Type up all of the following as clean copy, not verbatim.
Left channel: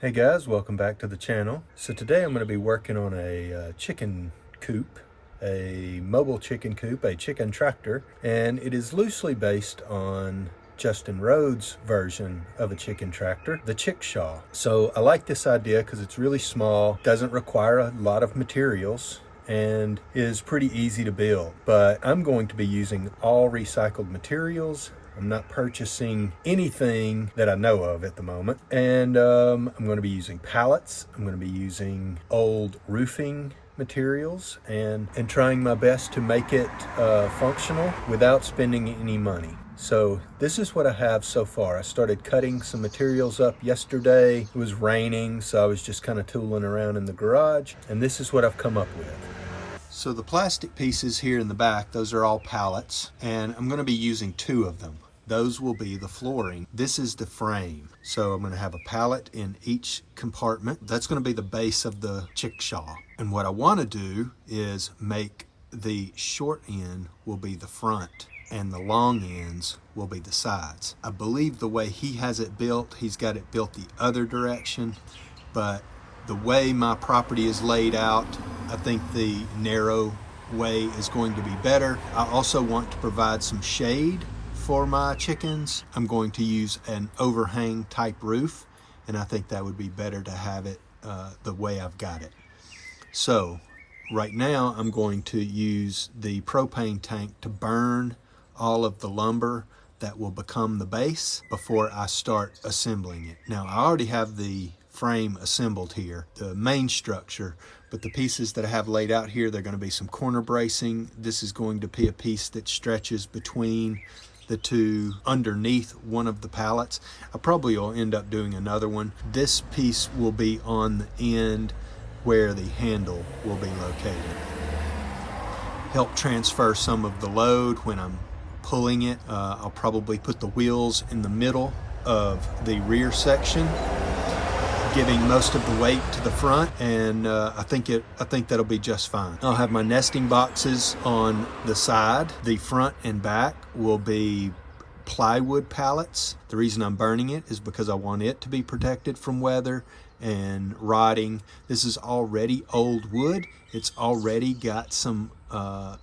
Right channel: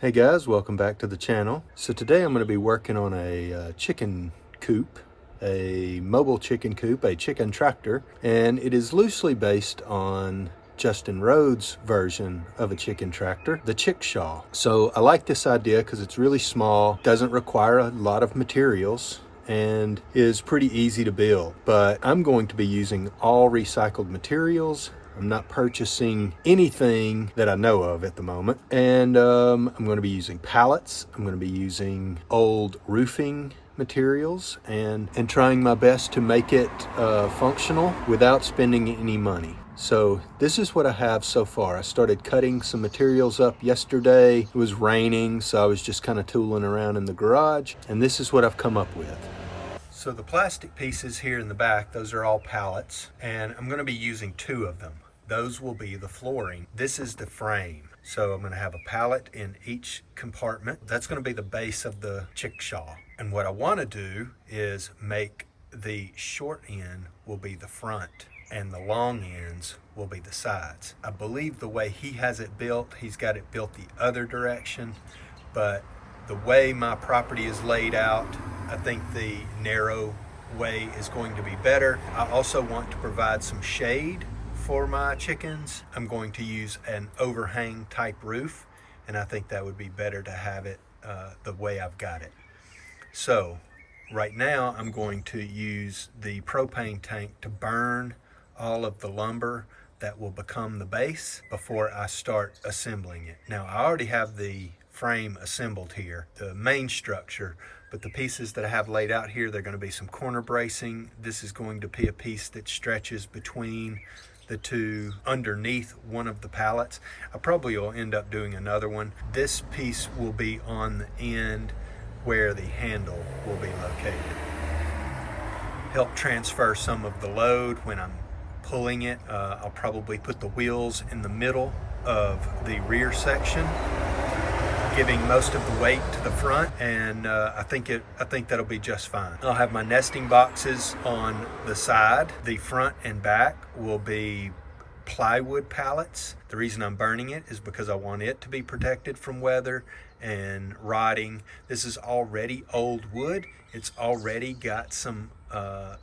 Hey guys, welcome back to the channel. So today I'm going to be working on a chicken coop, a mobile chicken coop, a chicken tractor, and it is loosely based on Justin Rhodes' version of a chicken tractor, the Chickshaw. So I like this idea because it's really small, doesn't require a lot of materials, and is pretty easy to build. But I'm going to be using all recycled materials. I'm not purchasing anything that I know of at the moment. And I'm going to be using pallets. I'm going to be using old roofing materials and trying my best to make it functional without spending any money. So this is what I have so far. I started cutting some materials up yesterday. It was raining, so I was just kind of tooling around in the garage, and this is what I've come up with. So the plastic pieces here in the back, those are all pallets, and I'm going to be using two of them. Those will be the flooring. This is the frame. So I'm going to have a pallet in each compartment. That's going to be the base of the Chickshaw. And what I want to do is make the short end will be the front and the long ends will be the sides. I believe the way he has it built, he's got it built the other direction, but the way my property is laid out, I think the narrow way is going to be better. I also want to provide some shade for my chickens. I'm going to use an overhang type roof, and I think that would be better to have it the way I've got it. So right now I'm going to use the propane tank to burn all of the lumber that will become the base before I start assembling it. Now I already have the frame assembled here, the main structure, but the pieces that I have laid out here, they're going to be some corner bracing. This is going to be a piece that stretches between the two underneath one of the pallets. I probably will end up doing another one. This piece will be on the end where the handle will be located. Help transfer some of the load when I'm pulling it. I'll probably put the wheels in the middle of the rear section, giving most of the weight to the front, and I think that'll be just fine. I'll have my nesting boxes on the side. The front and back will be plywood pallets. The reason I'm burning it is because I want it to be protected from weather and rotting. This is already old wood. It's already got some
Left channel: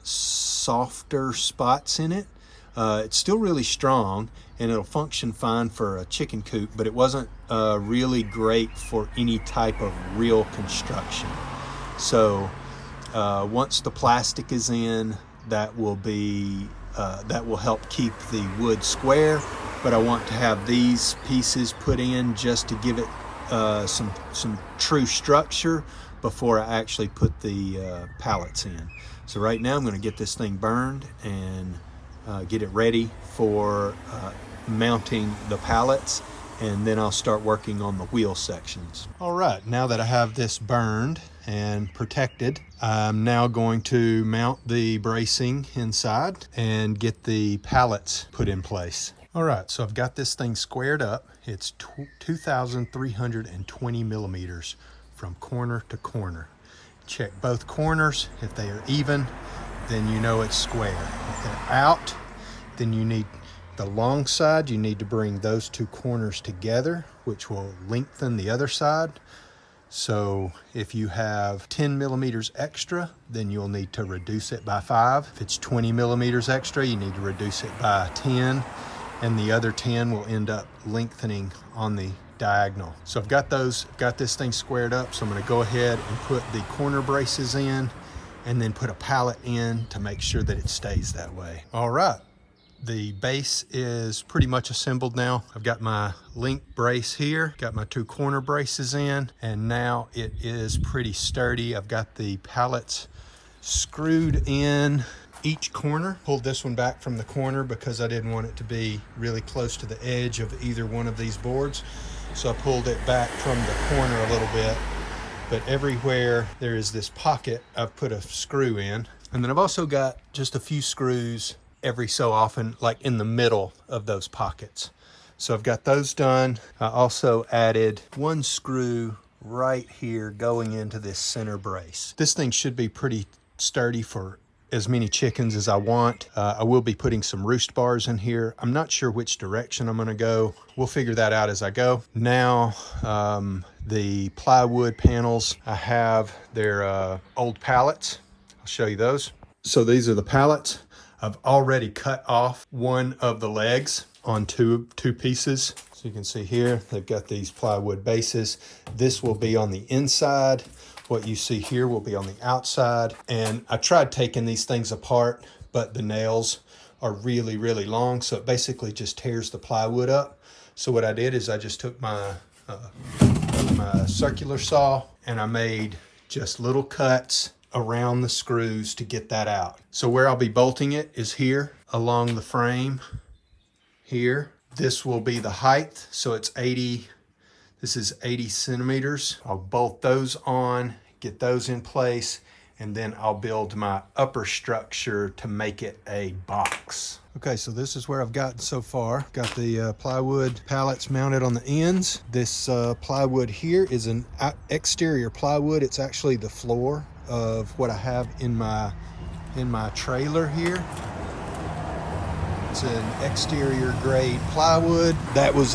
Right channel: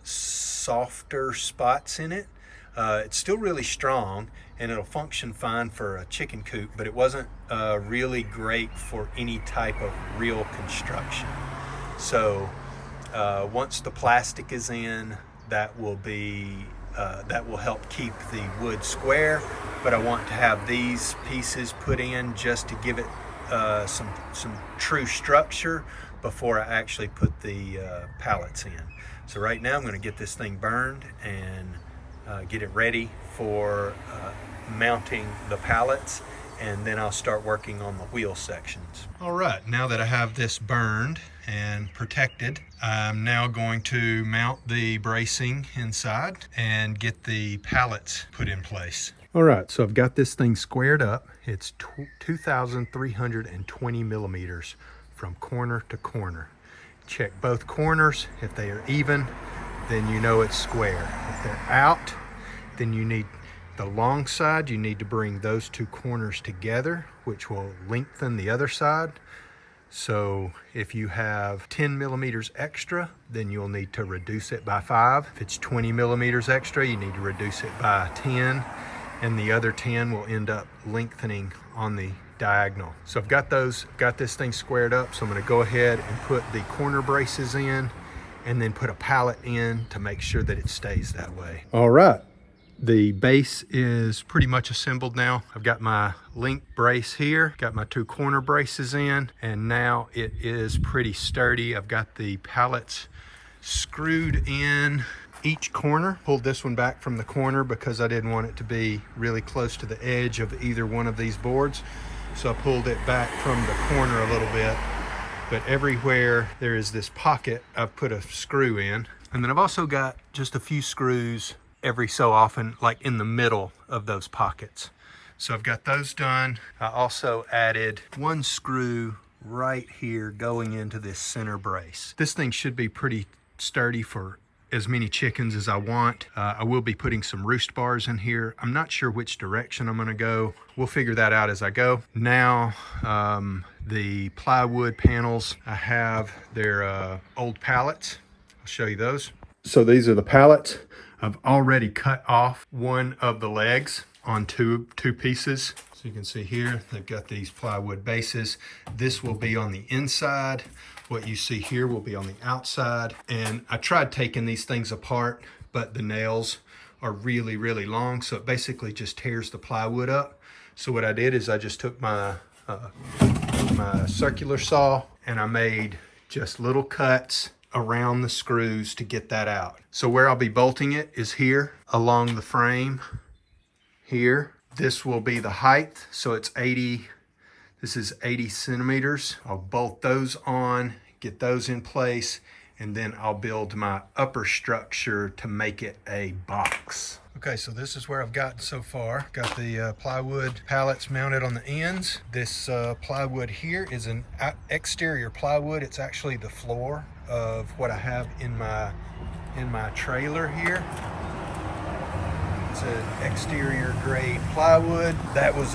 softer spots in it. It's still really strong and it'll function fine for a chicken coop, but it wasn't really great for any type of real construction. So once the plastic is in, that will help keep the wood square, but I want to have these pieces put in just to give it some true structure before I actually put the pallets in. So right now I'm going to get this thing burned and get it ready for mounting the pallets, and then I'll start working on the wheel sections. All right, now that I have this burned and protected, I'm now going to mount the bracing inside and get the pallets put in place. All right, so I've got this thing squared up. It's 2,320 millimeters from corner to corner. Check both corners. If they are even, then you know it's square. If they're out, then you need the long side, you need to bring those two corners together, which will lengthen the other side. So if you have 10 millimeters extra, then you'll need to reduce it by 5. If it's 20 millimeters extra, you need to reduce it by 10, and the other 10 will end up lengthening on the diagonal. So I've got this thing squared up, so I'm going to go ahead and put the corner braces in and then put a pallet in to make sure that it stays that way. All right. The base is pretty much assembled now. I've got my link brace here, got my two corner braces in, and now it is pretty sturdy. I've got the pallets screwed in each corner. Pulled this one back from the corner because I didn't want it to be really close to the edge of either one of these boards. So I pulled it back from the corner a little bit, but everywhere there is this pocket, I've put a screw in. And then I've also got just a few screws every so often, like in the middle of those pockets. So I've got those done. I also added one screw right here going into this center brace. This thing should be pretty sturdy for as many chickens as I want. I will be putting some roost bars in here. I'm not sure which direction I'm gonna go. We'll figure that out as I go. Now, The plywood panels I have, they're old pallets. I'll show you those. So these are the pallets. I've already cut off one of the legs on two pieces. So you can see here, they've got these plywood bases. This will be on the inside. What you see here will be on the outside. And I tried taking these things apart, but the nails are really, really long. So it basically just tears the plywood up. So what I did is I just took my circular saw and I made just little cuts around the screws to get that out. So where I'll be bolting it is here along the frame here. This will be the height. So it's 80, this is 80 centimeters. I'll bolt those on, get those in place, and then I'll build my upper structure to make it a box. Okay, so this is where I've gotten so far. Got the plywood pallets mounted on the ends. This plywood here is an exterior plywood. It's actually the floor of what I have in my trailer here. It's an exterior grade plywood. That was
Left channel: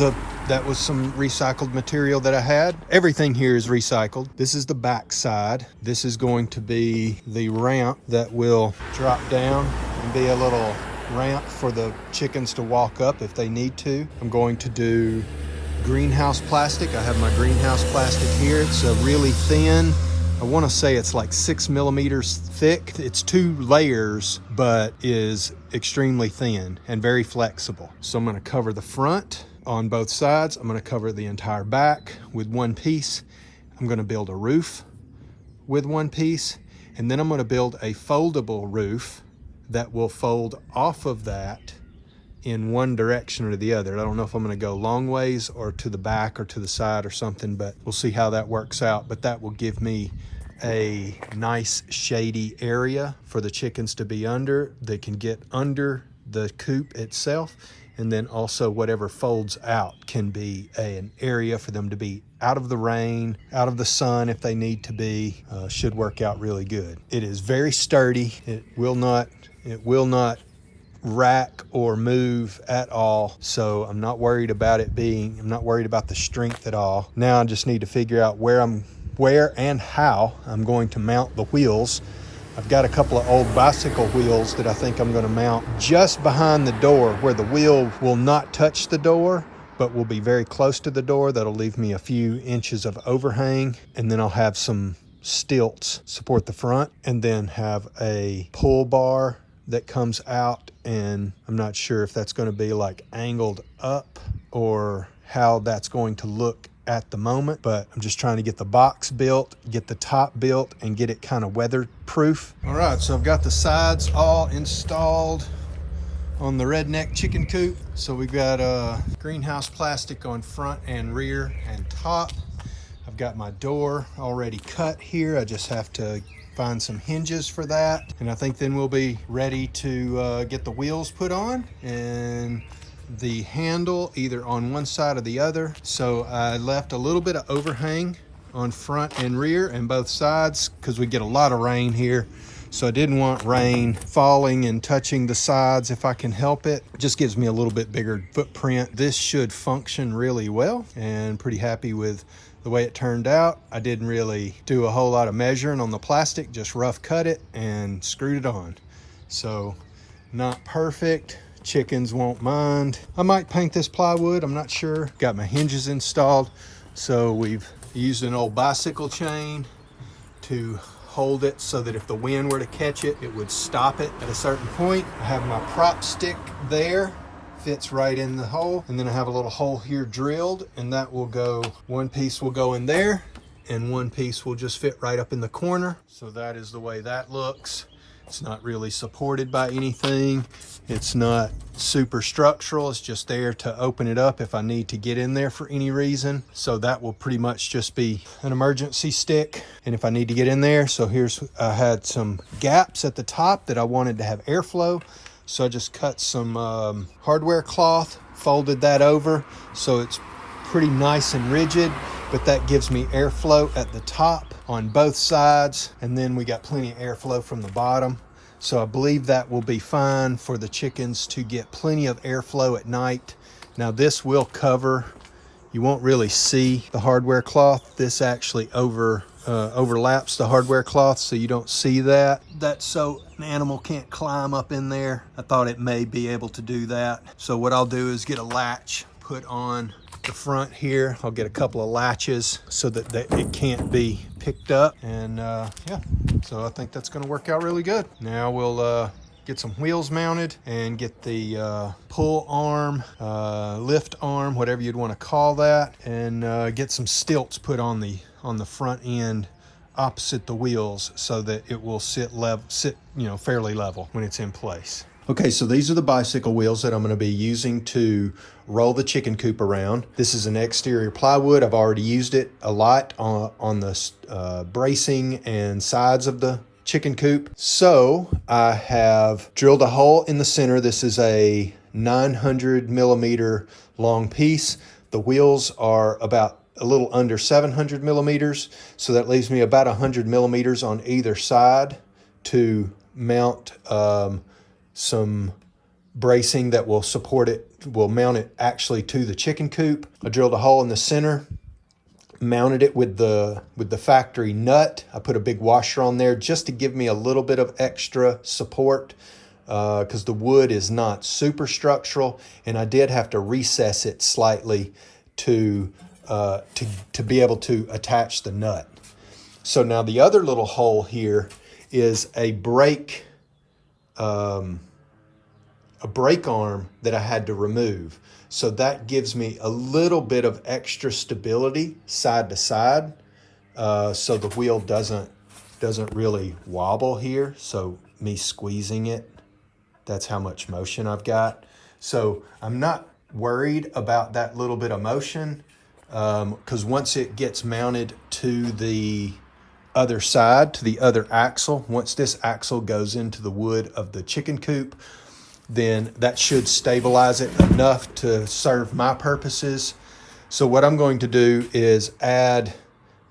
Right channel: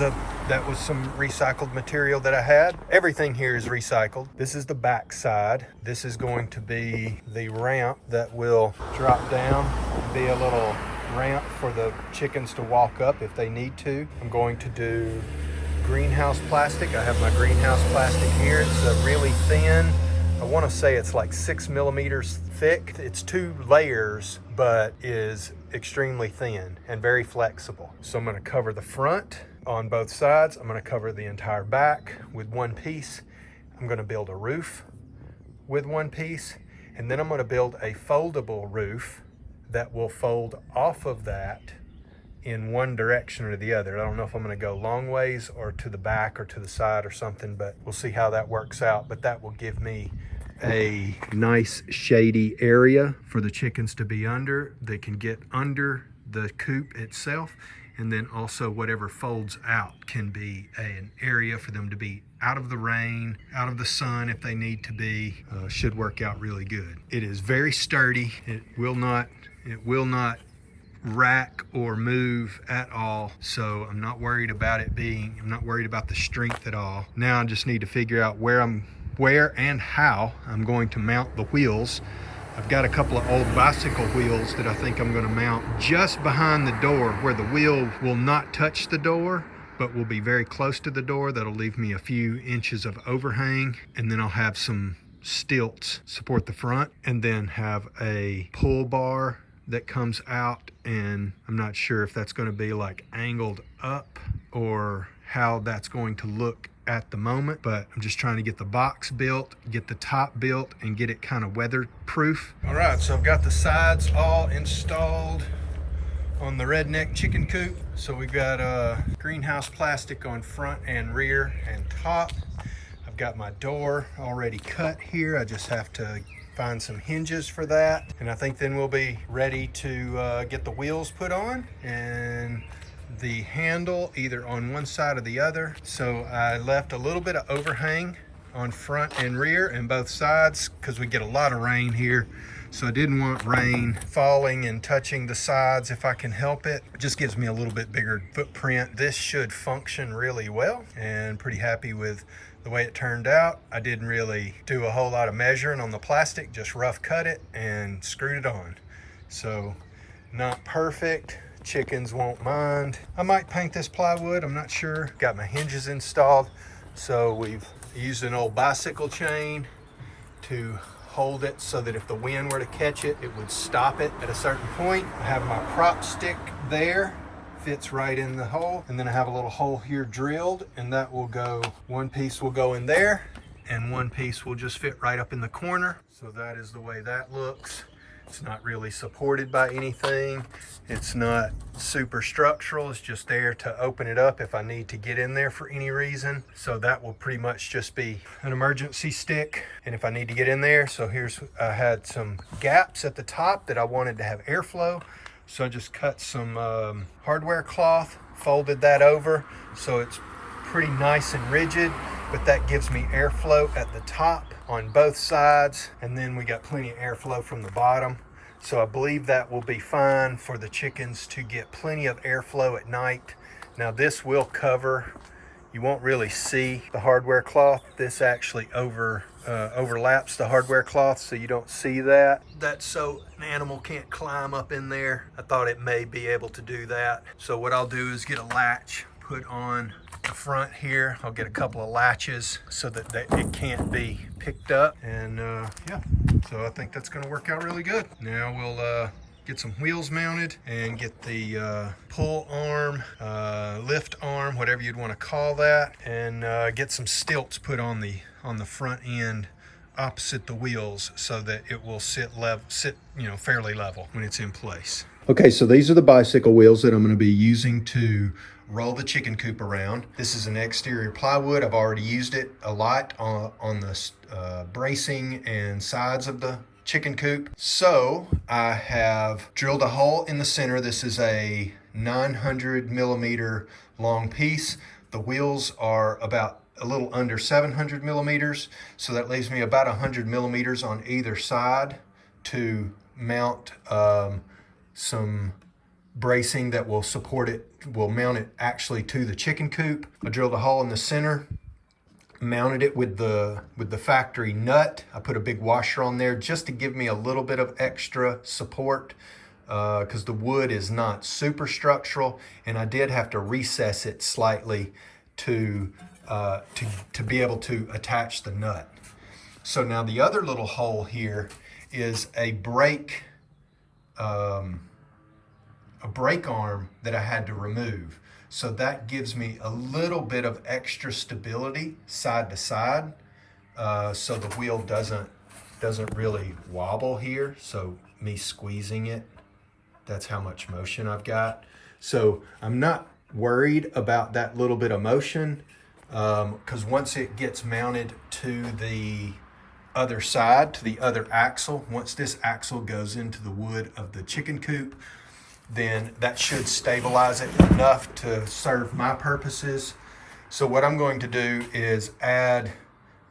some recycled material that I had. Everything here is recycled. This is the back side. This is going to be the ramp that will drop down and be a little ramp for the chickens to walk up if they need to. I'm going to do greenhouse plastic. I have my greenhouse plastic here. It's really thin. I want to say it's like 6 millimeters thick. It's 2 layers, but is extremely thin and very flexible. So I'm going to cover the front on both sides. I'm going to cover the entire back with one piece. I'm going to build a roof with one piece, and then I'm going to build a foldable roof that will fold off of that in one direction or the other. I don't know if I'm going to go long ways or to the back or to the side or something, but we'll see how that works out. But that will give me a nice shady area for the chickens to be under. They can get under the coop itself, and then also whatever folds out can be an area for them to be out of the rain, out of the sun if they need to be. Should work out really good. It is very sturdy. It will not rack or move at all, so I'm not worried about I'm not worried about the strength at all. Now I just need to figure out where and how I'm going to mount the wheels. I've got a couple of old bicycle wheels that I think I'm going to mount just behind the door, where the wheel will not touch the door but will be very close to the door. That'll leave me a few inches of overhang, and then I'll have some stilts support the front, and then have a pull bar that comes out, and I'm not sure if that's going to be like angled up or how that's going to look at the moment, but I'm just trying to get the box built, get the top built, and get it kind of weatherproof. All right, so I've got the sides all installed on the Redneck chicken coop. So we've got greenhouse plastic on front and rear and top. I've got my door already cut here. I just have to find some hinges for that, and I think then we'll be ready to get the wheels put on and the handle either on one side or the other. So I left a little bit of overhang on front and rear and both sides because we get a lot of rain here. So I didn't want rain falling and touching the sides if I can help it. It just gives me a little bit bigger footprint. This should function really well, and pretty happy with the way it turned out. I didn't really do a whole lot of measuring on the plastic, just rough cut it and screwed it on. So not perfect. Chickens won't mind. I might paint this plywood, I'm not sure. Got my hinges installed. So we've used an old bicycle chain to hold it so that if the wind were to catch it, it would stop it at a certain point. I have my prop stick there, fits right in the hole, and then I have a little hole here drilled, and that will go, one piece will go in there and one piece will just fit right up in the corner. So that is the way that looks. It's not really supported by anything. It's not super structural. It's just there to open it up if I need to get in there for any reason. So that will pretty much just be an emergency stick, and if I need to get in there. So I had some gaps at the top that I wanted to have airflow. So I just cut some hardware cloth, folded that over so it's pretty nice and rigid, but that gives me airflow at the top on both sides, and then we got plenty of airflow from the bottom. So I believe that will be fine for the chickens to get plenty of airflow at night. Now this will cover you won't really see the hardware cloth. This actually overlaps the hardware cloth, so you don't see that. That's so an animal can't climb up in there. I thought it may be able to do that. So what I'll do is get a latch put on the front here. I'll get a couple of latches so that it can't be picked up. And yeah, so I think that's gonna work out really good. Now we'll get some wheels mounted and get the pull arm, lift arm, whatever you'd want to call that, and get some stilts put on the front end opposite the wheels so that it will sit fairly level when it's in place. Okay, so these are the bicycle wheels that I'm going to be using to roll the chicken coop around. This is an exterior plywood. I've already used it a lot on the bracing and sides of the chicken coop. So I have drilled a hole in the center. This is a 900 millimeter long piece. The wheels are about a little under 700 millimeters. So that leaves me about 100 millimeters on either side to mount some bracing that will support it, will mount it actually to the chicken coop. I drilled a hole in the center, mounted it with the factory nut. I put a big washer on there just to give me a little bit of extra support because the wood is not super structural, and I did have to recess it slightly to be able to attach the nut. So now the other little hole here is a brake arm that I had to remove. So that gives me a little bit of extra stability side to side, so the wheel doesn't really wobble here. So me squeezing it, that's how much motion I've got. So I'm not worried about that little bit of motion because once it gets mounted to the other side, to the other axle, once this axle goes into the wood of the chicken coop, then that should stabilize it enough to serve my purposes. So what I'm going to do is add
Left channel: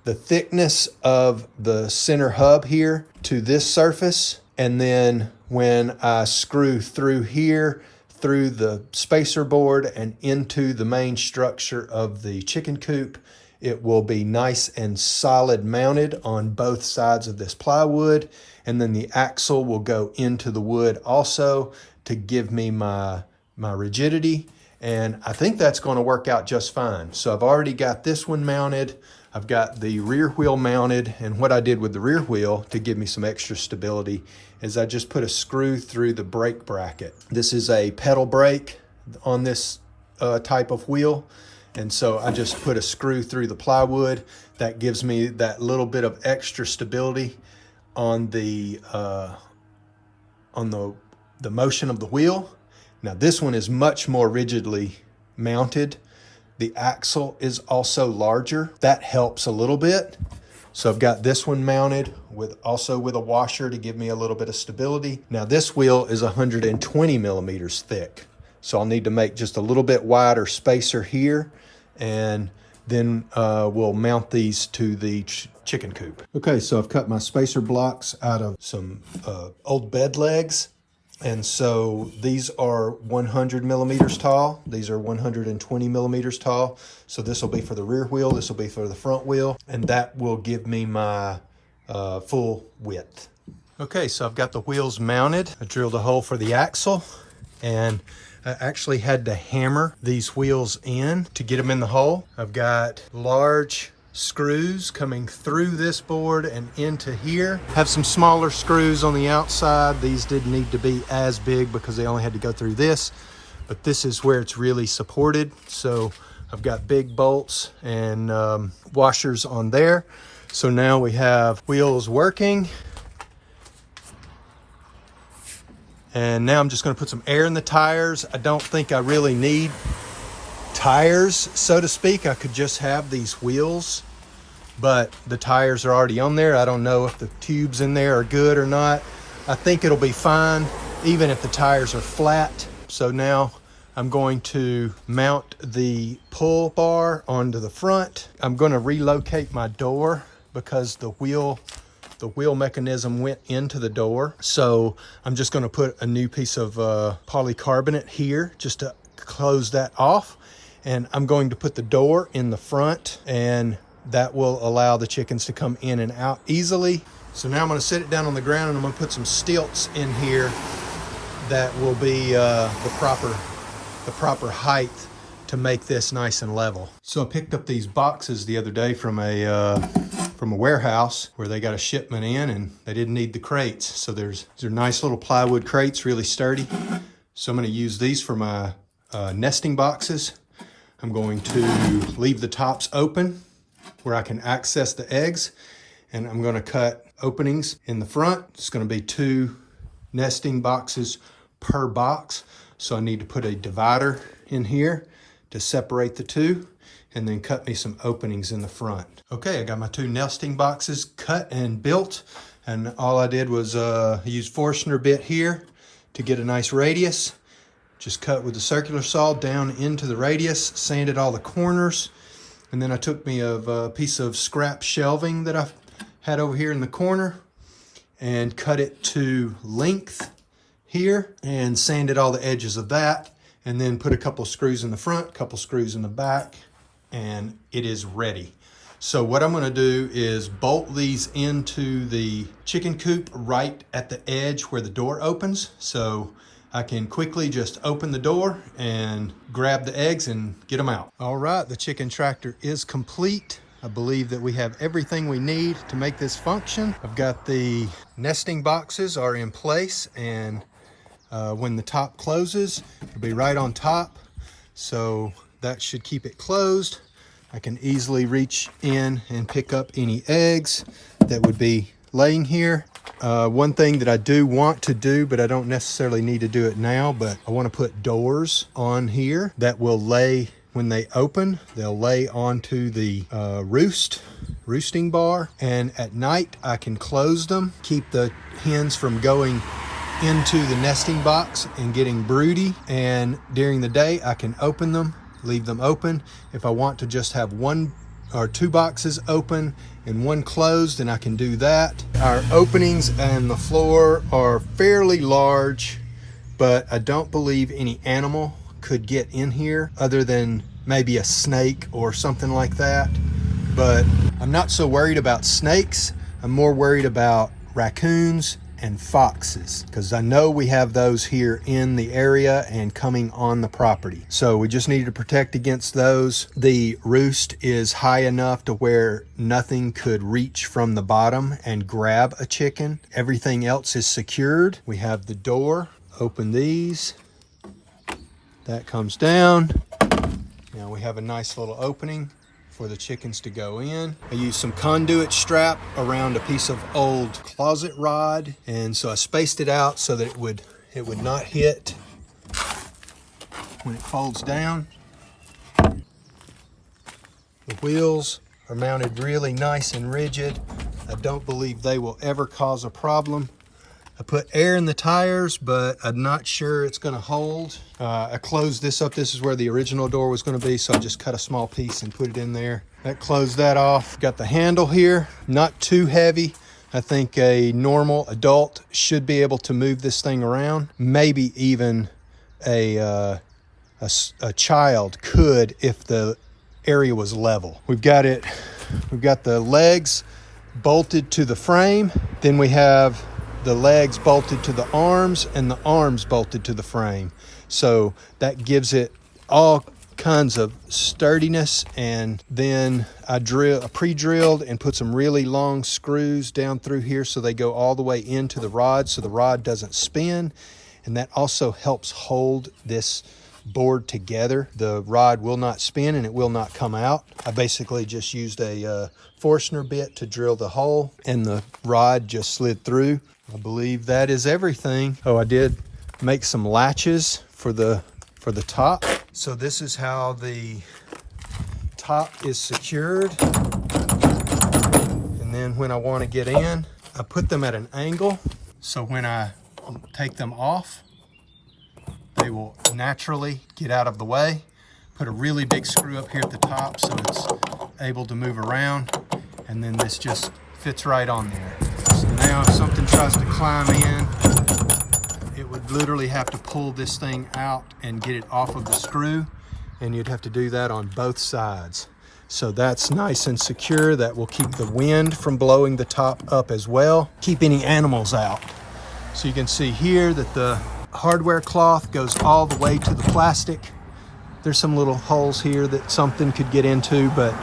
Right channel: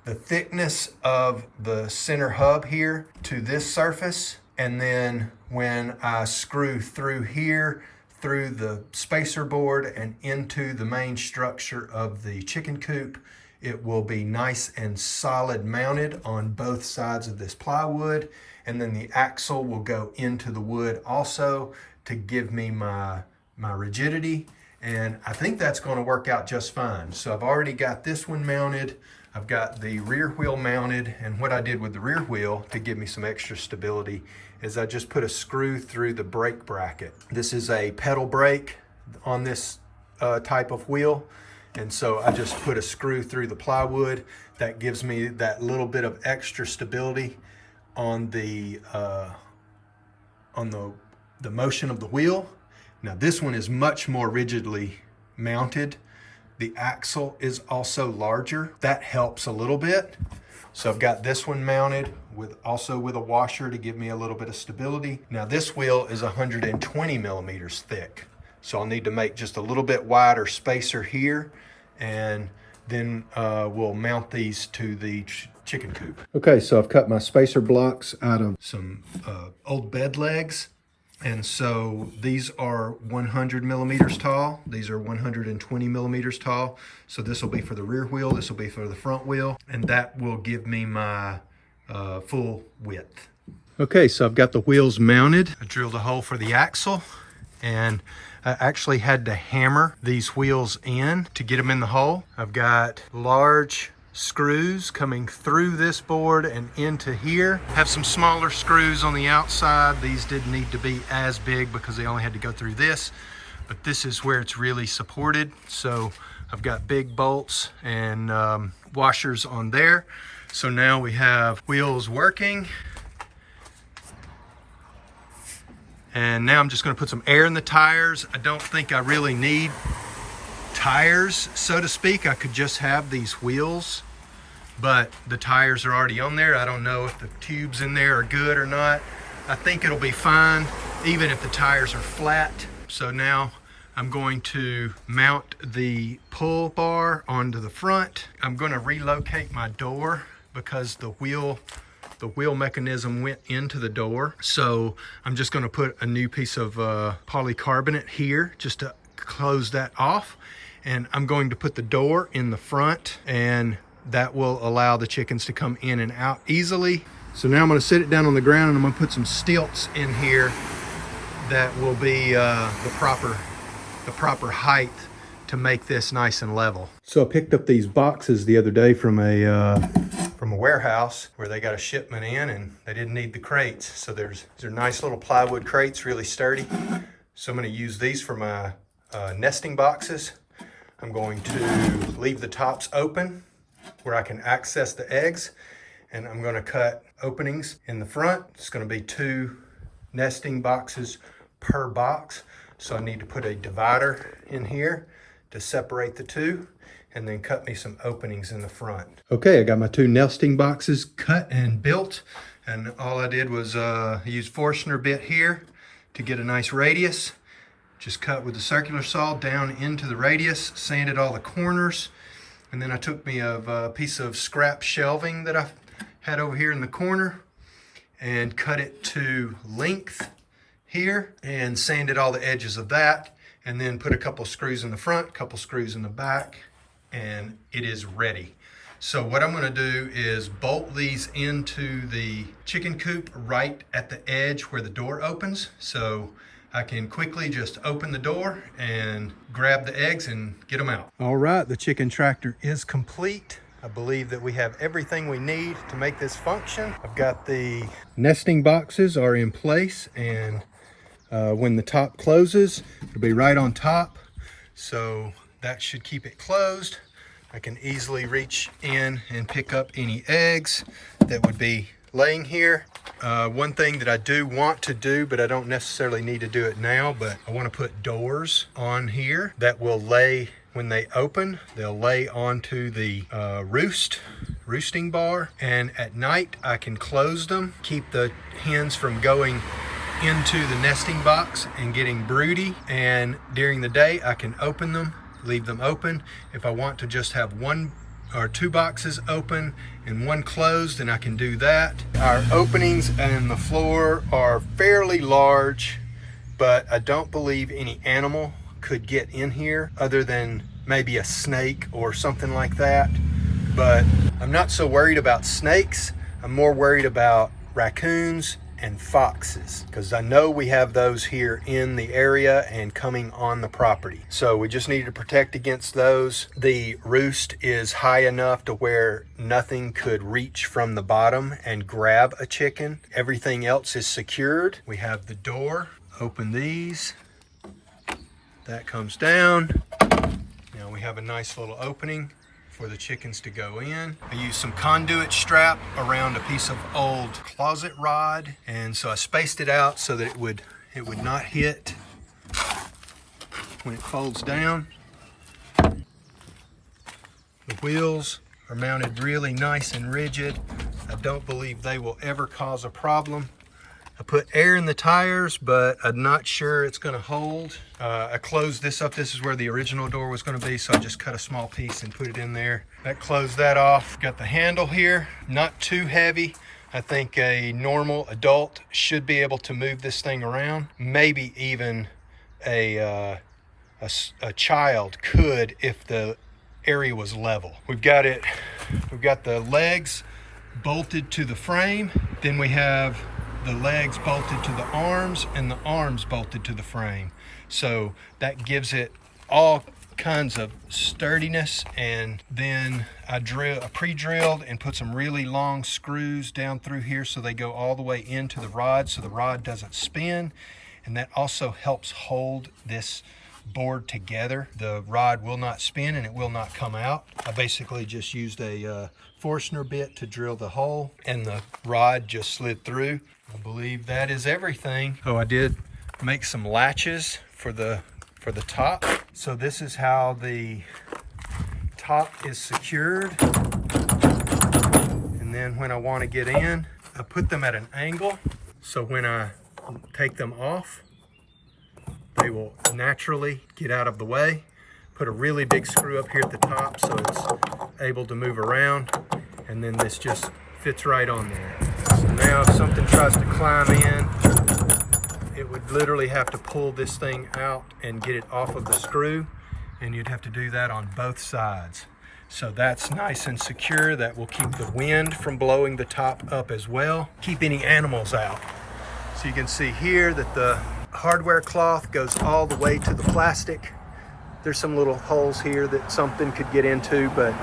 the thickness of the center hub here to this surface. And then when I screw through here, through the spacer board and into the main structure of the chicken coop, it will be nice and solid mounted on both sides of this plywood. And then the axle will go into the wood also to give me my rigidity. And I think that's going to work out just fine. So I've already got this one mounted. I've got the rear wheel mounted. And what I did with the rear wheel to give me some extra stability is I just put a screw through the brake bracket. This is a pedal brake on this type of wheel. And so I just put a screw through the plywood. That gives me that little bit of extra stability on the motion of the wheel. Now this one is much more rigidly mounted. The axle is also larger. That helps a little bit. So I've got this one mounted also with a washer to give me a little bit of stability. Now this wheel is 120 millimeters thick. So I'll need to make just a little bit wider spacer here, and then we'll mount these to the chicken coop. Okay, so I've cut my spacer blocks out of some old bed legs. And so these are 100 millimeters tall. These are 120 millimeters tall. So this will be for the rear wheel. This will be for the front wheel. And that will give me my full width. Okay, so I've got the wheels mounted. I drilled a hole for the axle, and I actually had to hammer these wheels in to get them in the hole. I've got large screws coming through this board and into here. Have some smaller screws on the outside. These didn't need to be as big because they only had to go through this, but this is where it's really supported. So I've got big bolts and washers on there. So now we have wheels working. And now I'm just going to put some air in the tires. I don't think I really need tires, so to speak. I could just have these wheels, but the tires are already on there. I don't know if the tubes in there are good or not. I think it'll be fine even if the tires are flat. So now I'm going to mount the pull bar onto the front. I'm going to relocate my door because the wheel mechanism went into the door. So I'm just going to put a new piece of polycarbonate here just to close that off. And I'm going to put the door in the front, and that will allow the chickens to come in and out easily. So now I'm going to sit it down on the ground, and I'm going to put some stilts in here that will be the proper height to make this nice and level. So I picked up these boxes the other day from a warehouse where they got a shipment in, and they didn't need the crates. So they're nice little plywood crates, really sturdy. So I'm going to use these for my nesting boxes. I'm going to leave the tops open where I can access the eggs, and I'm going to cut openings in the front. It's going to be 2 nesting boxes per box. So I need to put a divider in here to separate the 2, and then cut me some openings in the front. Okay, I got my 2 nesting boxes cut and built, and all I did was use Forstner bit here to get a nice radius. Just cut with the circular saw down into the radius, sanded all the corners, and then I took me a piece of scrap shelving that I had over here in the corner and cut it to length here and sanded all the edges of that, and then put a couple of screws in the front, a couple screws in the back, and it is ready. So what I'm going to do is bolt these into the chicken coop right at the edge where the door opens, so I can quickly just open the door and grab the eggs and get them out. All right, the chicken tractor is complete. I believe that we have everything we need to make this function. I've got the nesting boxes are in place, and when the top closes, it'll be right on top. So that should keep it closed. I can easily reach in and pick up any eggs that would be laying here. One thing that I do want to do, but I don't necessarily need to do it now, but I want to put doors on here that will lay, when they open, they'll lay onto the roosting bar, and at night I can close them, keep the hens from going into the nesting box and getting broody, and during the day I can open them, leave them open. If I want to just have 1 or 2 boxes open and 1 closed, then I can do that. Our openings and the floor are fairly large, but I don't believe any animal could get in here other than maybe a snake or something like that. But I'm not so worried about snakes. I'm more worried about raccoons and foxes, because I know we have those here in the area and coming on the property. So we just need to protect against those. The roost is high enough to where nothing could reach from the bottom and grab a chicken. Everything else is secured. We have the door. Open these. That comes down. Now we have a nice little opening for the chickens to go in. I used some conduit strap around a piece of old closet rod, and so I spaced it out so that it would not hit when it folds down. The wheels are mounted really nice and rigid. I don't believe they will ever cause a problem. I put air in the tires, but I'm not sure it's going to hold. I closed this up. This is where the original door was going to be, so I just cut a small piece and put it in there. That closed that off. Got the handle here, not too heavy. I think a normal adult should be able to move this thing around. Maybe even a child could if the area was level. We've got the legs bolted to the frame. Then we have the legs bolted to the arms and the arms bolted to the frame. So that gives it all kinds of sturdiness. And then I pre-drilled and put some really long screws down through here so they go all the way into the rod so the rod doesn't spin. And that also helps hold this board together. The rod will not spin and it will not come out. I basically just used a Forstner bit to drill the hole, and the rod just slid through. I believe that is everything. Oh, I did make some latches for the top. So this is how the top is secured. And then when I want to get in, I put them at an angle. So when I take them off, they will naturally get out of the way. Put a really big screw up here at the top so it's able to move around. And then this just fits right on there. So now if something tries to climb in, it would literally have to pull this thing out and get it off of the screw. and you'd have to do that on both sides. So that's nice and secure. That will keep the wind from blowing the top up as well. Keep any animals out. So you can see here that the hardware cloth goes all the way to the plastic. There's some little holes here that something could get into, but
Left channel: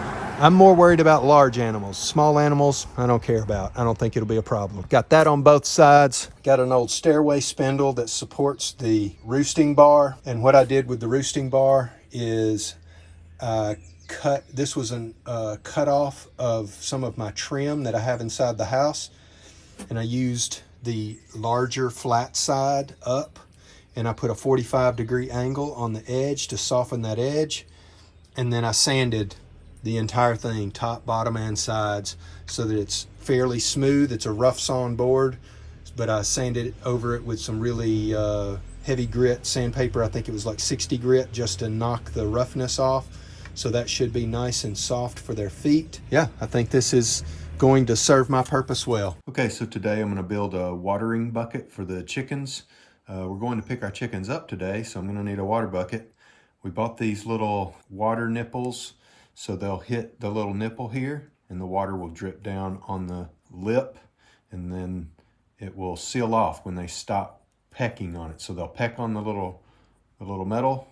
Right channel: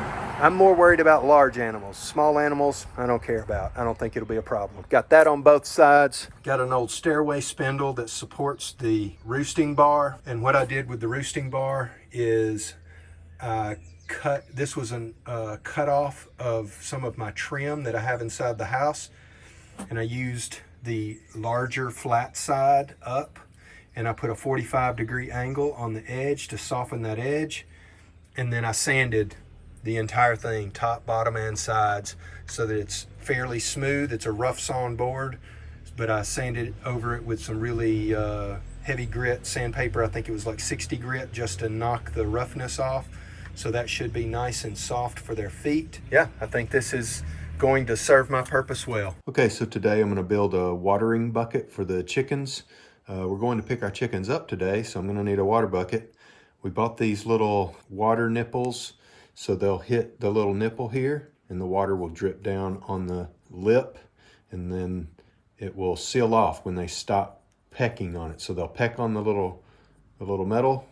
I'm more worried about large animals. Small animals, I don't care about. I don't think it'll be a problem. Got that on both sides. Got an old stairway spindle that supports the roosting bar. And what I did with the roosting bar is this was a cut off of some of my trim that I have inside the house. And I used the larger flat side up, and I put a 45-degree angle on the edge to soften that edge. And then I sanded the entire thing, top, bottom, and sides, so that it's fairly smooth. It's a rough sawn board, but I sanded over it with some really heavy grit sandpaper. I think it was like 60 grit, just to knock the roughness off. So that should be nice and soft for their feet. Yeah, I think this is going to serve my purpose well. Okay, so today I'm going to build a watering bucket for the chickens. We're going to pick our chickens up today, so I'm going to need a water bucket. We bought these little water nipples, so they'll hit the little nipple here, and the water will drip down on the lip, and then it will seal off when they stop pecking on it. So they'll peck on the little metal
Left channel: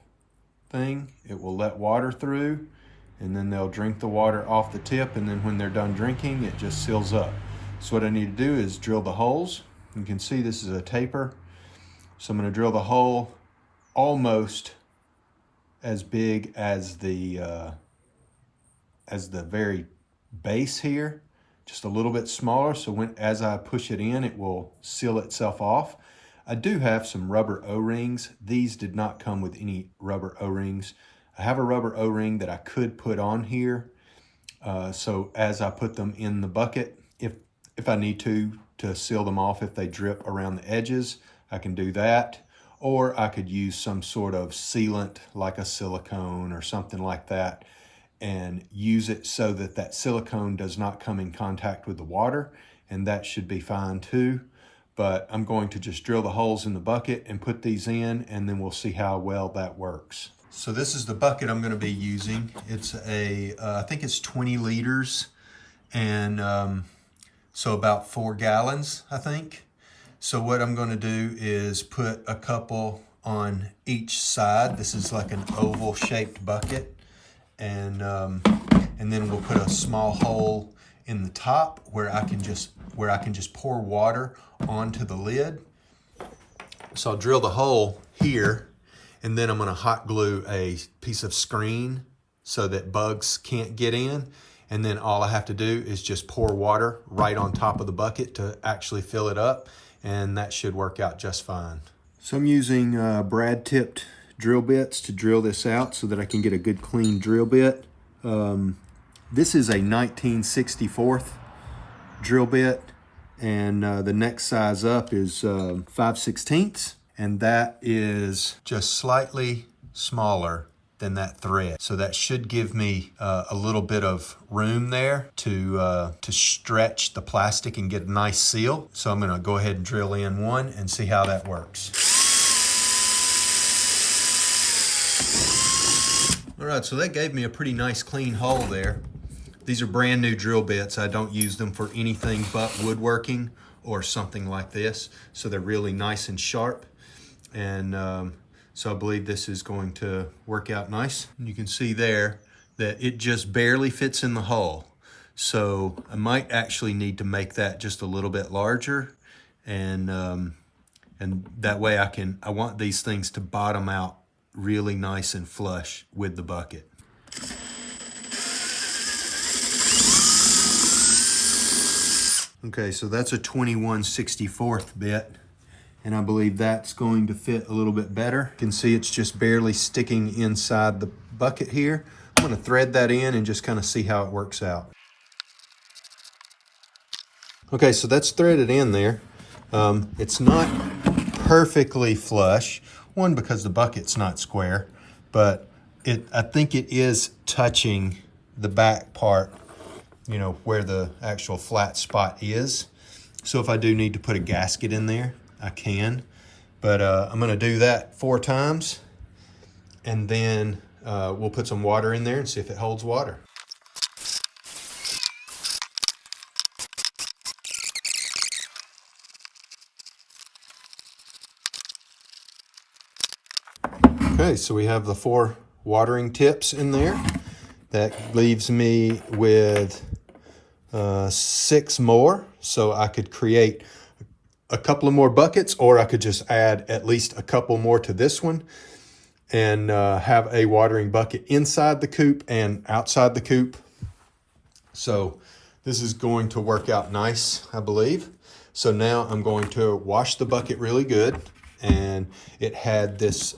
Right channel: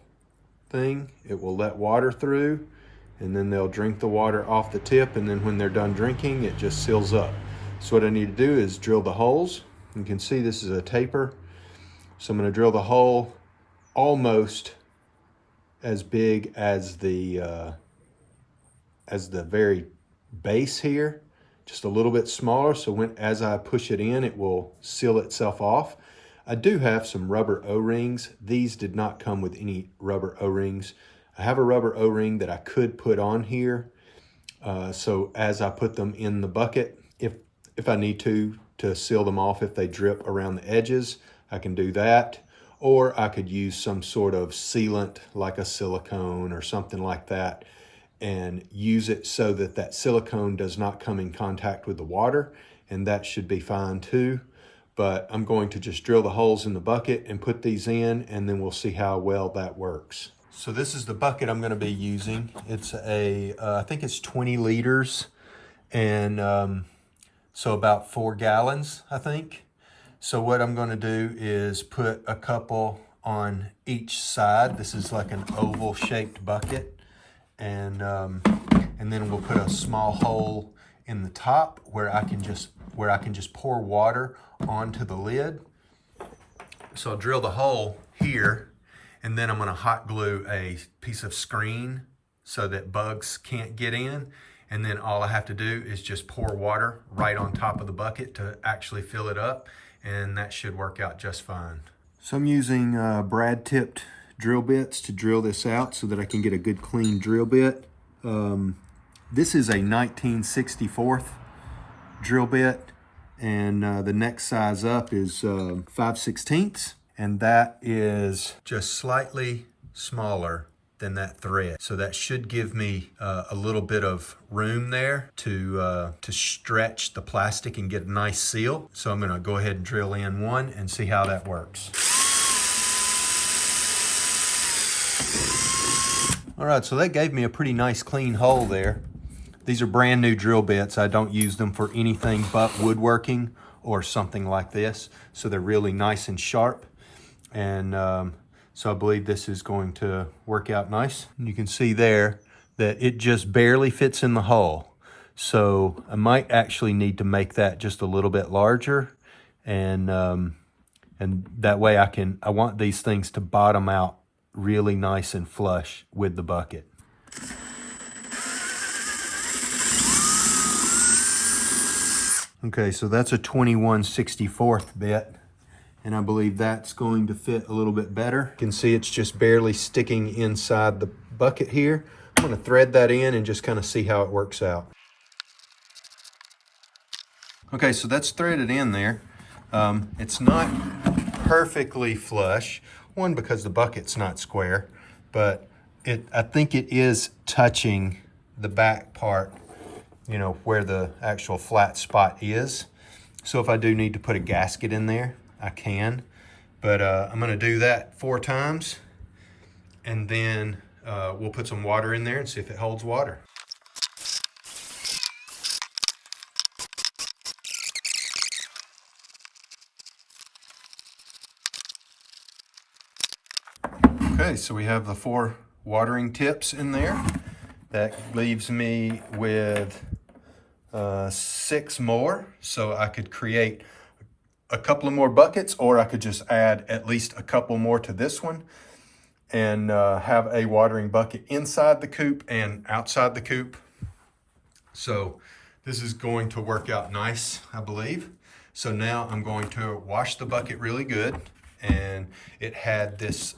thing. It will let water through, and then they'll drink the water off the tip, and then when they're done drinking, it just seals up. So what I need to do is drill the holes. You can see this is a taper. So I'm going to drill the hole almost as big as the very base here, just a little bit smaller, so as I push it in, it will seal itself off. I do have some rubber O-rings. These did not come with any rubber O-rings. I have a rubber O-ring that I could put on here, so as I put them in the bucket, if I need to seal them off, if they drip around the edges, I can do that. Or I could use some sort of sealant like a silicone or something like that, and use it so that that silicone does not come in contact with the water, and that should be fine too. But I'm going to just drill the holes in the bucket and put these in, and then we'll see how well that works. So this is the bucket I'm going to be using. It's I think it's 20 liters, and so about 4 gallons, I think. So what I'm going to do is put a couple on each side. This is like an oval shaped bucket, and then we'll put a small hole in the top where I can just pour water onto the lid. So I'll drill the hole here, and then I'm going to hot glue a piece of screen so that bugs can't get in. And then all I have to do is just pour water right on top of the bucket to actually fill it up, and that should work out just fine. So I'm using brad tipped drill bits to drill this out so that I can get a good clean drill bit. This is a 19/64 drill bit, and the next size up is 5/16, and that is just slightly smaller than that thread. So that should give me a little bit of room there to stretch the plastic and get a nice seal. So I'm gonna go ahead and drill in one and see how that works. All right, so that gave me a pretty nice clean hole there. These are brand new drill bits. I don't use them for anything but woodworking or something like this. So they're really nice and sharp. And so I believe this is going to work out nice. And you can see there that it just barely fits in the hole. So I might actually need to make that just a little bit larger. And that way I want these things to bottom out really nice and flush with the bucket. Okay, so that's a 21/64 bit, and I believe that's going to fit a little bit better. You can see it's just barely sticking inside the bucket here. I'm going to thread that in and just kind of see how it works out. Okay, so that's threaded in there. It's not perfectly flush. One, because the bucket's not square, but I think it is touching the back part, you know, where the actual flat spot is. So if I do need to put a gasket in there, I can. But I'm gonna do that 4 times, and then we'll put some water in there and see if it holds water. Okay, so we have the 4 watering tips in there. That leaves me with 6 more, so I could create a couple of more buckets, or I could just add at least a couple more to this one and have a watering bucket inside the coop and outside the coop. So this is going to work out nice, I believe. So now I'm going to wash the bucket really good, and it had this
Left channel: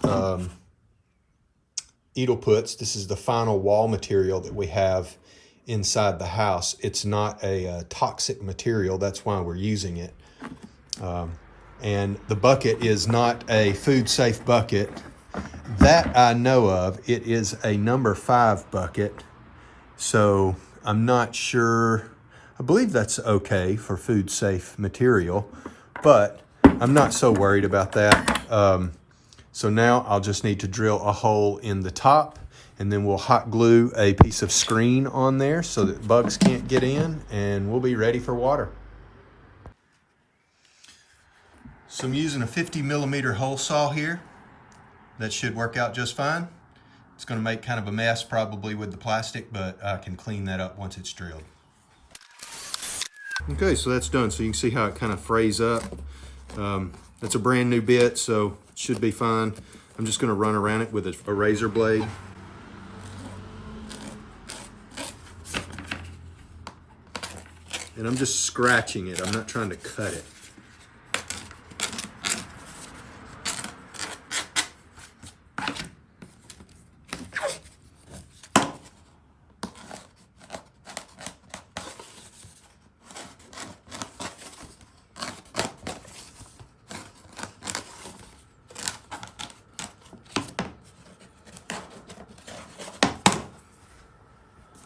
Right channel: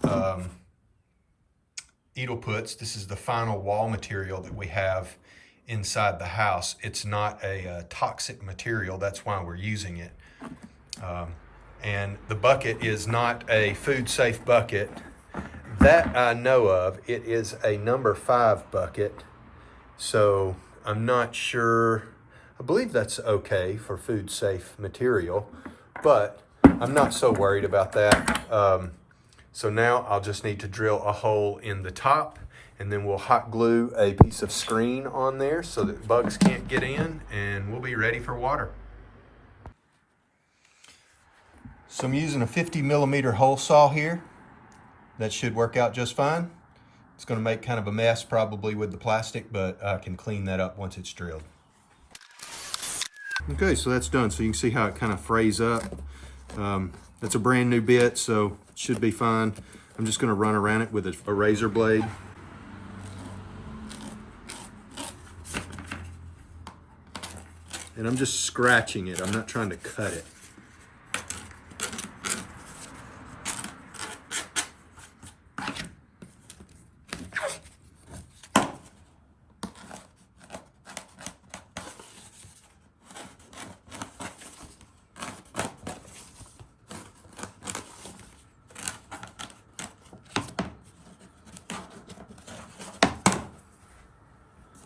Edel puts. This is the final wall material that we have inside the house. It's not a toxic material, that's why we're using it. And the bucket is not a food safe bucket that I know of. It is a number 5 bucket, so I'm not sure. I believe that's okay for food safe material, but I'm not so worried about that. So now I'll just need to drill a hole in the top, and then we'll hot glue a piece of screen on there so that bugs can't get in, and we'll be ready for water. So I'm using a 50mm hole saw here. That should work out just fine. It's going to make kind of a mess probably with the plastic, but I can clean that up once it's drilled. Okay, so that's done. So you can see how it kind of frays up. That's a brand new bit, so it should be fine. I'm just going to run around it with a razor blade. And I'm just scratching it. I'm not trying to cut it.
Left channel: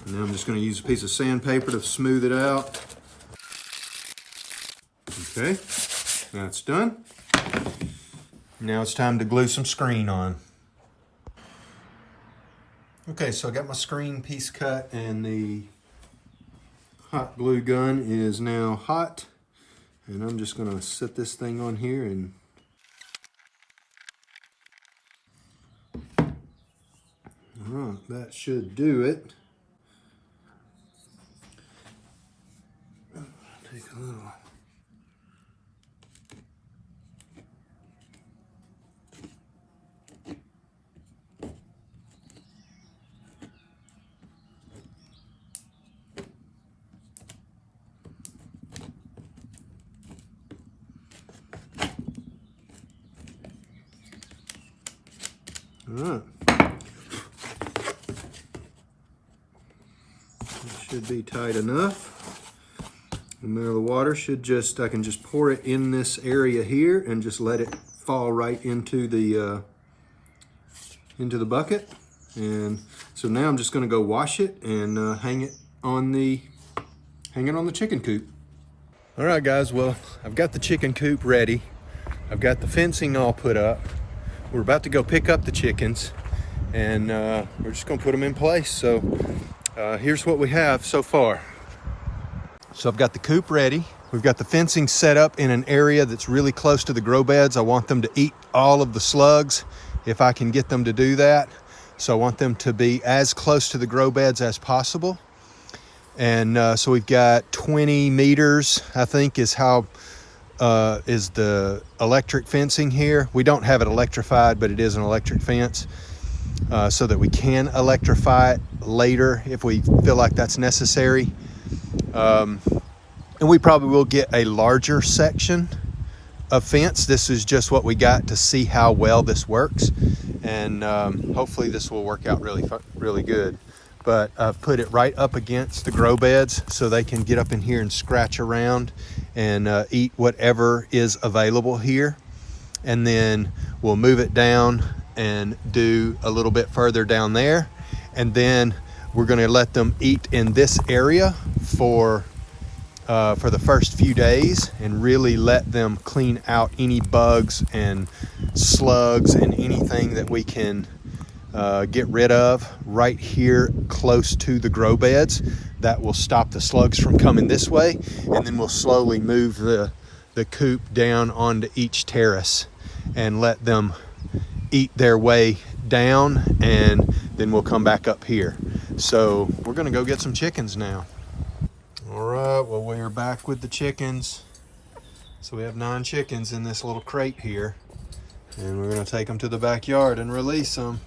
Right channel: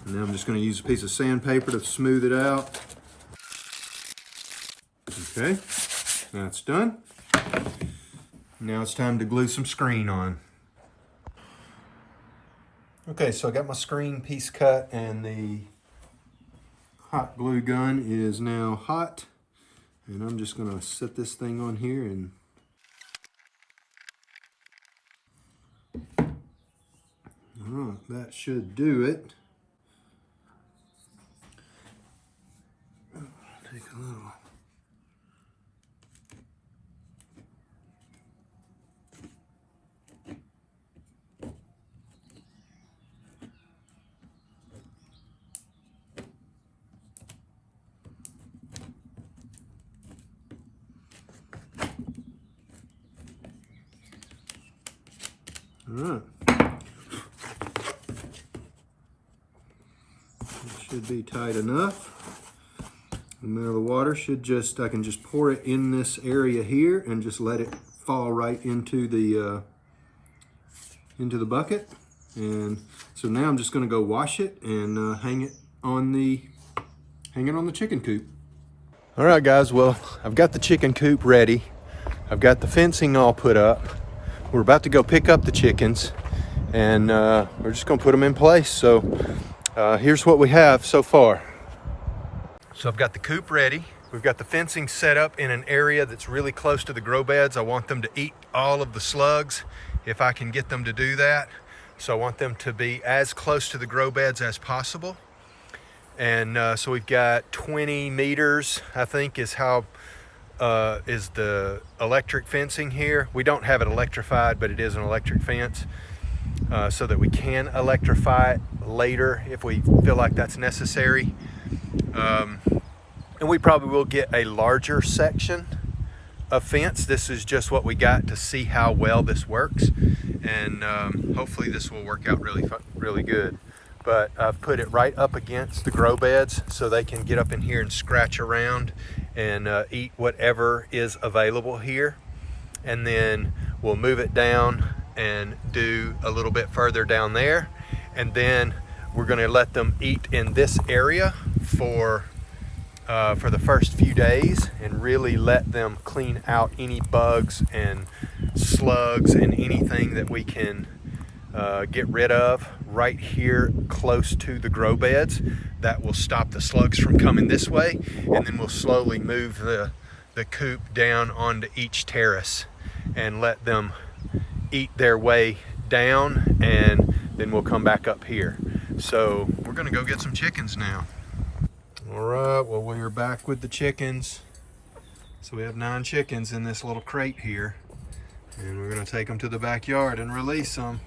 And now I'm just going to use a piece of sandpaper to smooth it out. Okay, that's done. Now it's time to glue some screen on. Okay, so I got my screen piece cut, and the hot glue gun is now hot. And I'm just going to set this thing on here and that should do it. Take a little. All right. It should be tight enough. And now the water should just, I can just pour it in this area here and just let it fall right into the bucket. And so now I'm just going to go wash it and hang it on the chicken coop. All right, guys. Well, I've got the chicken coop ready. I've got the fencing all put up. We're about to go pick up the chickens, and we're just going to put them in place. So here's what we have so far. So I've got the coop ready. We've got the fencing set up in an area that's really close to the grow beds. I want them to eat all of the slugs if I can get them to do that. So I want them to be as close to the grow beds as possible. And so we've got 20 meters, I think, is how is the electric fencing here. We don't have it electrified, but it is an electric fence, so that we can electrify it later if we feel like that's necessary. And we probably will get a larger section of fence. This is just what we got to see how well this works, and hopefully this will work out really good. But I've put it right up against the grow beds so they can get up in here and scratch around and eat whatever is available here. And then we'll move it down and do a little bit further down there. And then we're gonna let them eat in this area for the first few days and really let them clean out any bugs and slugs and anything that we can get rid of right here close to the grow beds. That will stop the slugs from coming this way, and then we'll slowly move the coop down onto each terrace and let them eat their way down, and then we'll come back up here. So we're gonna go get some chickens now. All right, well, we're back with the chickens. So we have 9 chickens in this little crate here, and we're gonna take them to the backyard and release them.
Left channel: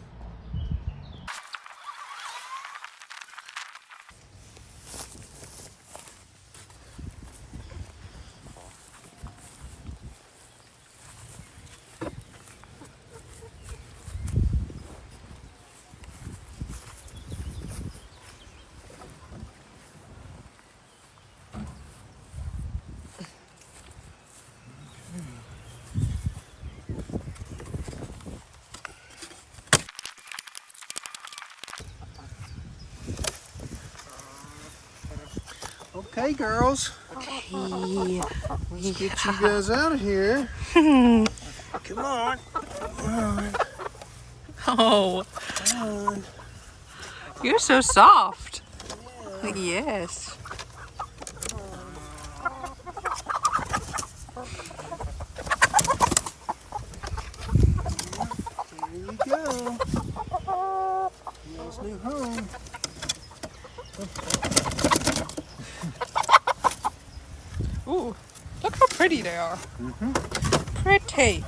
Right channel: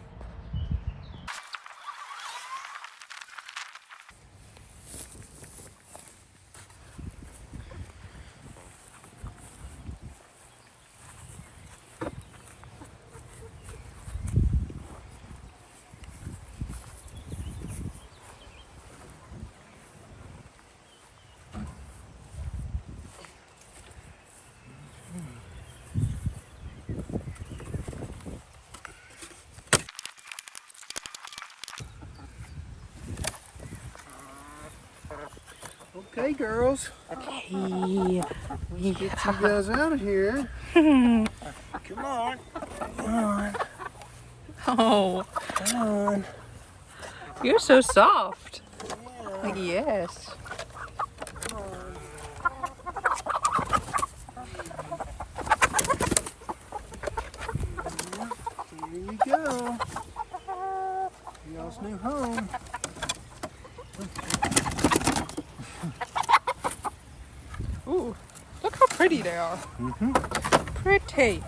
Okay, girls. Okay. Let's get you guys out of here. Come on. Come on. Oh. Come on. You're so soft. Yeah. Yes. Here you go. Y'all's new home. Ooh, look how pretty they are. Mm-hmm. Pretty.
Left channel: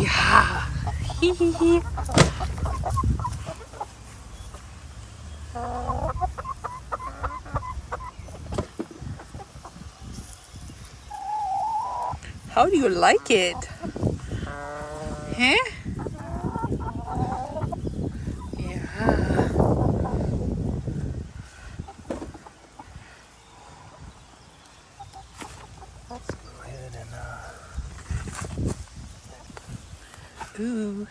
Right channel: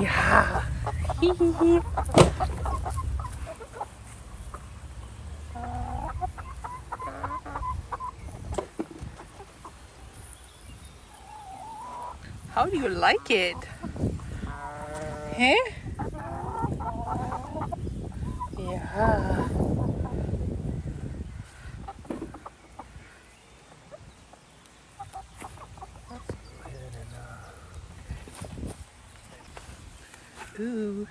Yeah. Hee hee hee. How do you like it? Huh? Yeah. Ooh,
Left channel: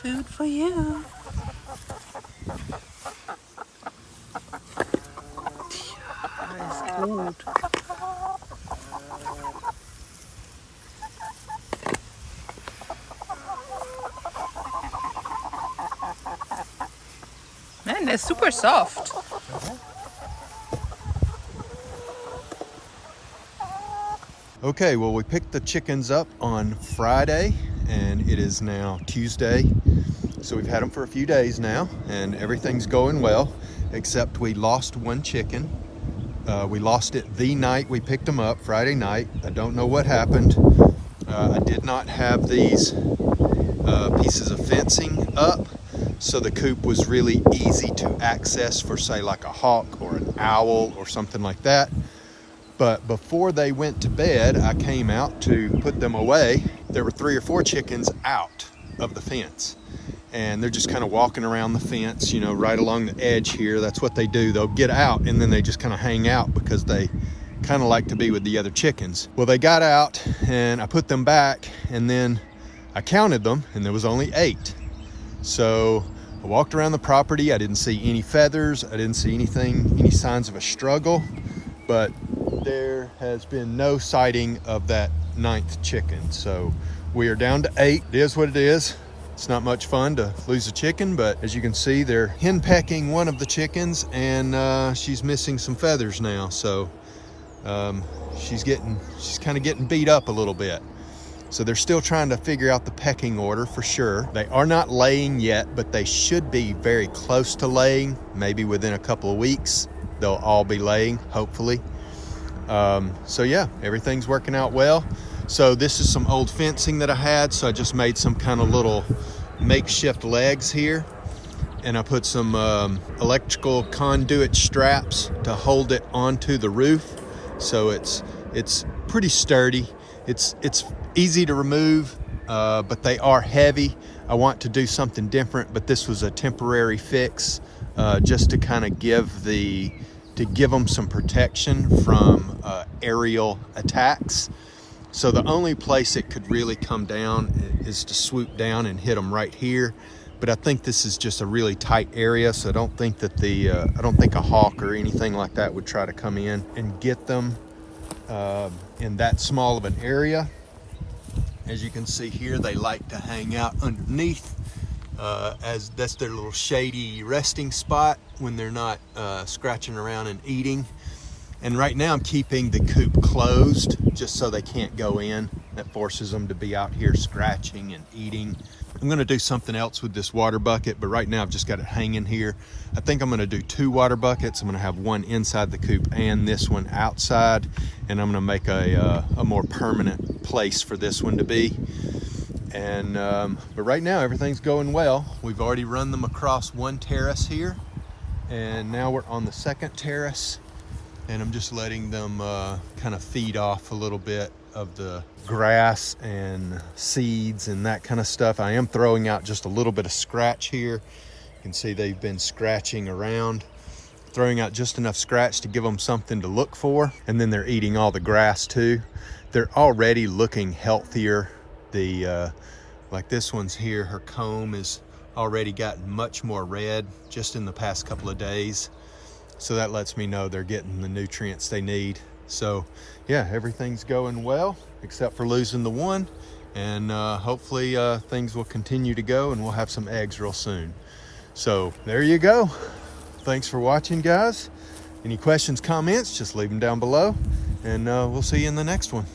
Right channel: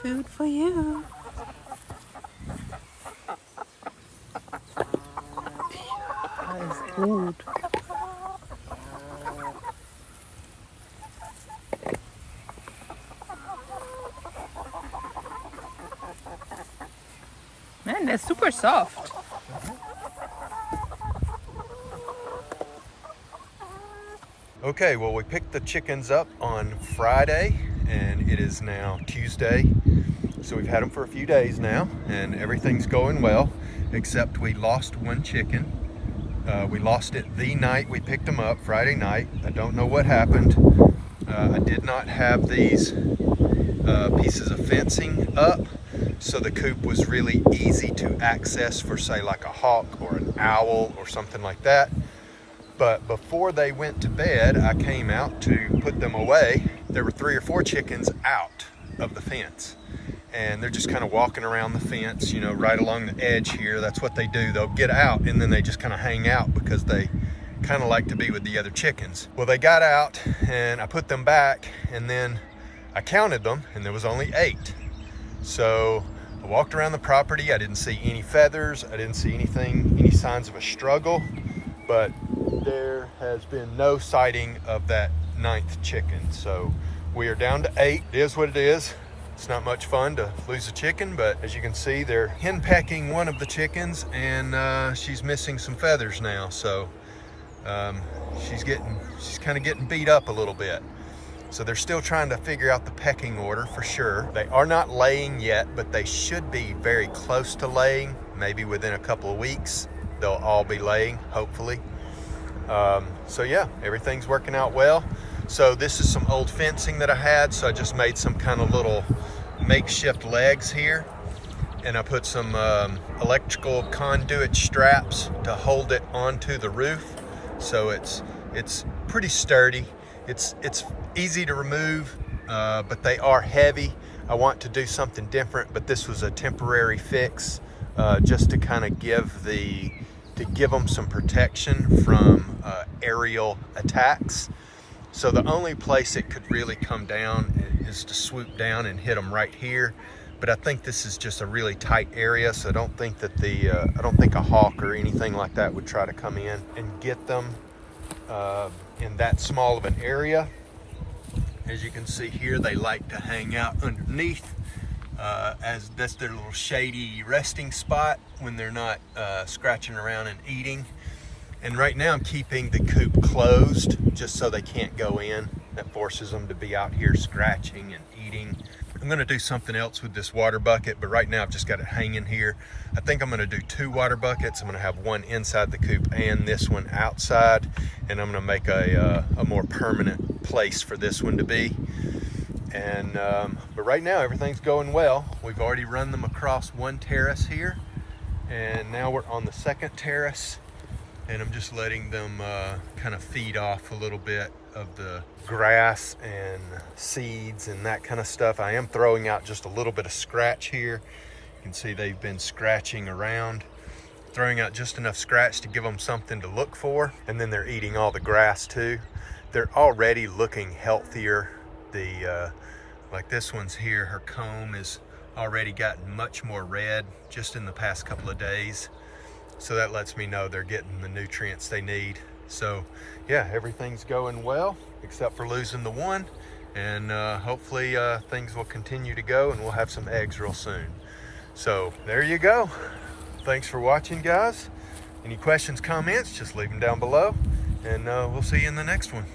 food for you. That is good. Man, they're super soft. Okay, well, we picked the chickens up on Friday, and it is now Tuesday. So we've had them for a few days now, and everything's going well, except we lost one chicken. We lost it the night we picked them up, Friday night. I don't know what happened. I did not have these pieces of fencing up, so the coop was really easy to access for, say, like a hawk or an owl or something like that. But before they went to bed, I came out to put them away. There were 3 or 4 chickens out of the fence, and they're just kind of walking around the fence, you know, right along the edge here. That's what they do. They'll get out and then they just kind of hang out because they kind of like to be with the other chickens. Well, they got out and I put them back, and then I counted them and there was only 8. So I walked around the property. I didn't see any feathers. I didn't see anything, any signs of a struggle, but there has been no sighting of that 9th chicken. So we are down to 8. It is what it is. It's not much fun to lose a chicken, but as you can see, they're henpecking one of the chickens, and she's missing some feathers now. So she's kind of getting beat up a little bit. So they're still trying to figure out the pecking order for sure. They are not laying yet, but they should be very close to laying. Maybe within a couple of weeks, they'll all be laying, hopefully. So yeah, everything's working out well. So this is some old fencing that I had, so I just made some kind of little makeshift legs here, and I put some electrical conduit straps to hold it onto the roof. So it's pretty sturdy. It's easy to remove, but they are heavy. I want to do something different, but this was a temporary fix, just to kind of give them some protection from aerial attacks. So the only place it could really come down is to swoop down and hit them right here. But I think this is just a really tight area, so I don't think that I don't think a hawk or anything like that would try to come in and get them in that small of an area. As you can see here, they like to hang out underneath as that's their little shady resting spot when they're not scratching around and eating. And right now I'm keeping the coop closed just so they can't go in. That forces them to be out here scratching and eating. I'm gonna do something else with this water bucket, but right now I've just got it hanging here. I think I'm gonna do 2 water buckets. I'm gonna have one inside the coop and this one outside, and I'm gonna make a more permanent place for this one to be. And but right now everything's going well. We've already run them across one terrace here, and now we're on the second terrace, and I'm just letting them kind of feed off a little bit of the grass and seeds and that kind of stuff. I am throwing out just a little bit of scratch here. You can see they've been scratching around, throwing out just enough scratch to give them something to look for, and then they're eating all the grass too. They're already looking healthier. Like this one's here, her comb is already gotten much more red just in the past couple of days. So that lets me know they're getting the nutrients they need. So yeah, everything's going well except for losing the one, and hopefully things will continue to go and we'll have some eggs real soon. So there you go. Thanks for watching, guys. Any questions, comments, just leave them down below, and we'll see you in the next one.